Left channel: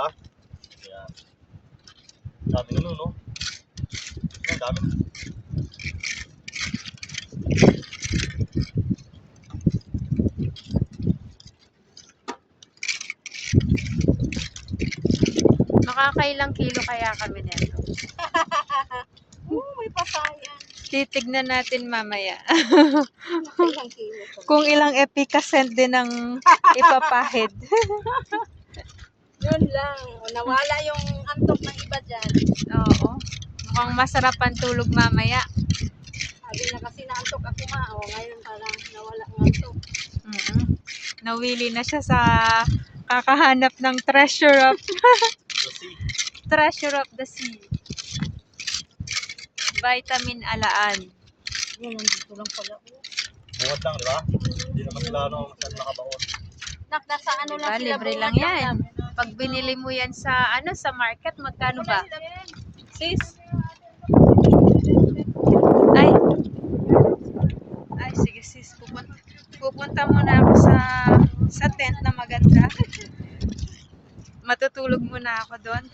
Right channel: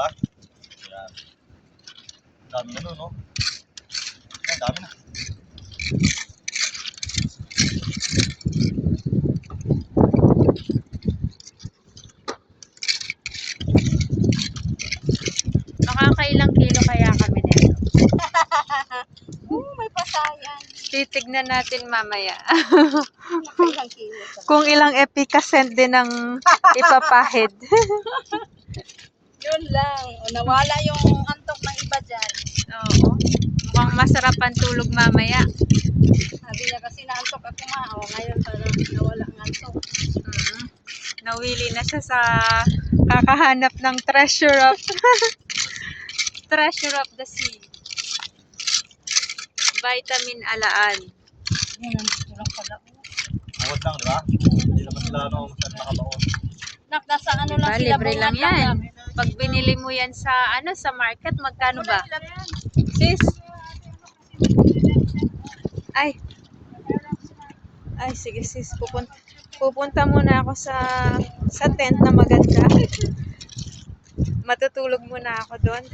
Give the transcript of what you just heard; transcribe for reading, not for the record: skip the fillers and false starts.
ba? Yan. Dami na nun, no? Yan, dami na. Makakailang kilo kaya kami nito? May pasayan. Titignan natin mamaya. Ilang kilo ka. Kung ilang epicacent din ang ipapahid. Yun lang. Nawala yung antok ng iba dyan. Oo. Mukhang masarap ang tulog mamaya. Sabi niya kasi naantok ako ngayon parang nawala ang antok. Nawili na siya sa kakahanap ng treasure of treasure of the sea. Vitamin alaan. Yan, nandito lang pala. Bungod lang, di ba? Hindi naman sila masyadong nakabaon. Nasa ano Diba, lang sila. libre lang bungad yan. Pag binili mo yan sa sa market, magkano ba? Sis? Ay. Ay, sige sis. Pupunta muna ako sa tent na maganda. Matutulog muna ako doon.